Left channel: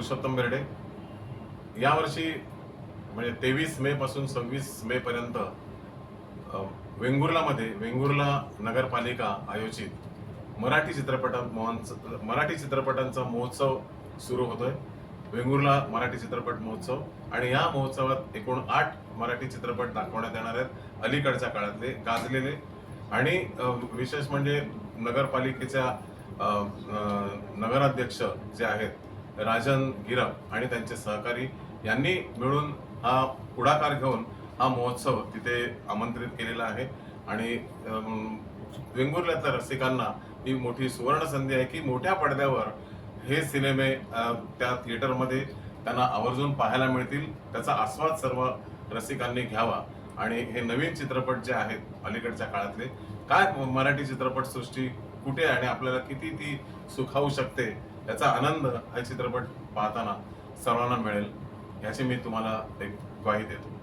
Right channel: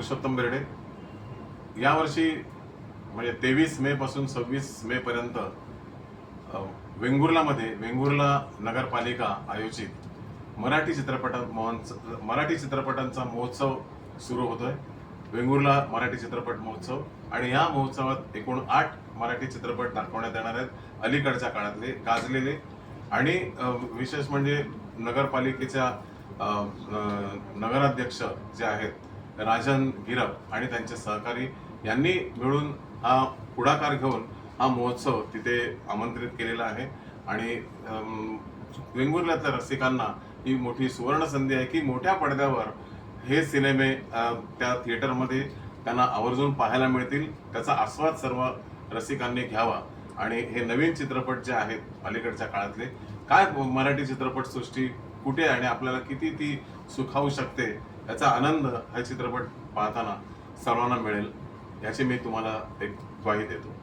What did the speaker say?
पुरुषोत्तम बेर्डे. यावर्षी म्हणजे 23 मे पासून 26 मे पर्यंत वेंगुर्ला नगरपालिका आयोजित मराठी चित्रपटांचा महोत्सव सुरू होतोय. वेंगुर्ला मराठी चित्रपट महोत्सव. आणि या महोत्सवात एकूण 8 मराठी चित्रपट दाखवण्यात येणार आहेत, अलीकडच्या काळातले गाजलेले. आणि विशेष म्हणजे नगरपालिकेच्या नगराध्यक्ष जे आहेत राजन गिरप आणि त्यांचे सहकारी यांनी मिळून हा पुढाकार घेऊन हा महोत्सव तिथे आमंत्रित केलेला आहे. आणि वेंगुर्ल्यातल्या रसिकांना ही मोठी सुवर्ण संधी आहे की मोठ्या पडद्यावर हे सिनेमे त्या थिएटरमध्ये त्यांना आवर्जून पाहायला मिळतील. त्याचा आस्वाद सर्व रसिकांनी घ्यावा. आणि हे नवीन चित्रपट जे आहेत अलीकडच्या काळातले, काय मराठी चित्रपटसृष्टी कुठे आणि आपल्याला किती ती सुखावू शकते याचा आनंद हा चित्रपट पाहताना सर्वांना मिळेल याची मी तुम्हाला एक ग्वाही देतो.